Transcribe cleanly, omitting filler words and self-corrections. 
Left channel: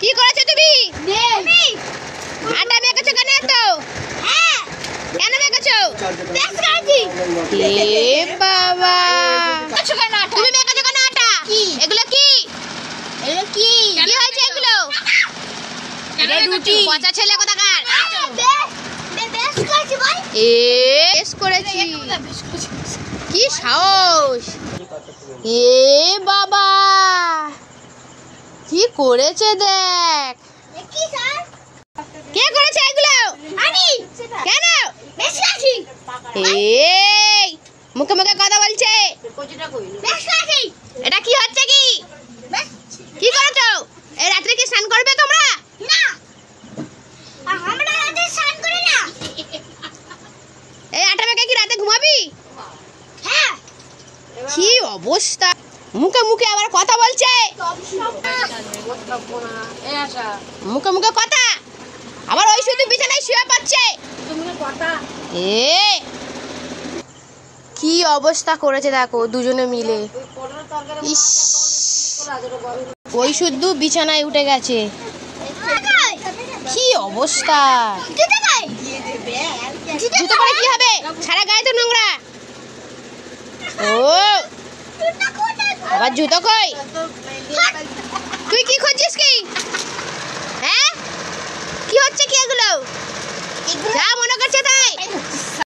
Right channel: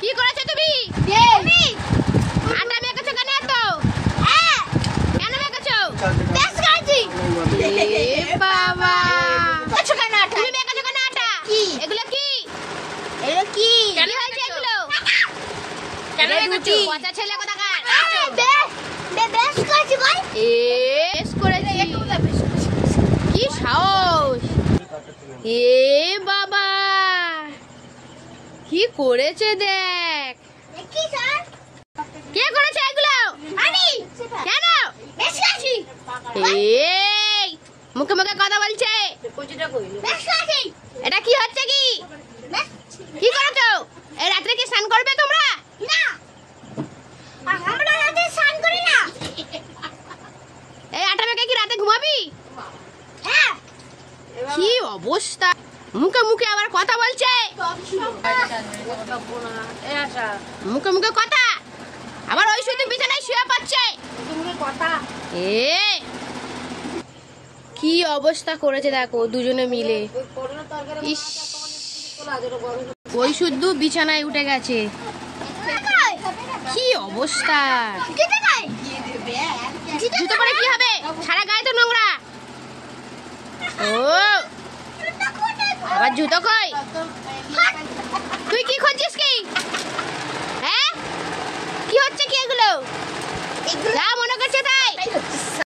কি করেছো তুমি? আটা মেখেছো কেন এত? কেন মেখেছো? এ বাবা, তুমি মেখেছো কেন আটা? এগুলো কি? কি হয়েছে এগুলো? এটা রুটি। পচা ছেলে কোথাকার। বেশ করেছি। কি সাহস! এ বাবা, কি করেছে দেখ। কে করেছে এগুলো? আমি। কেন? এই মুখে মুখে কথা বলছে। এটা কি হচ্ছে? কি করেছো? এই রাত্রে কি স্নান করবে তোমরা? না, আমরা রাতে স্নান করি না। এই আটা মেখে কি রাতে ঘুমাবি? হ্যাঁ। কি অবস্থা, মুখে মুখে আবার কথা বলছে। মুখে মুখে কথা, আবার ওই শুধু বিছানায় শুয়ে পড়ছে। কি অবস্থা করেছে দেখো দুজনে মিলে। ইস, ওই শুধু বিছানায় উঠে গেছে। কি অবস্থা! জুতো পরে কি হবে? সারা গায়ে তো নোংরা। ও আবার জুতো কই? তুই কি খুঁজছিস কি? হ্যাঁ, কি হচ্ছে কি এগুলো? যা মনে করছে তাই।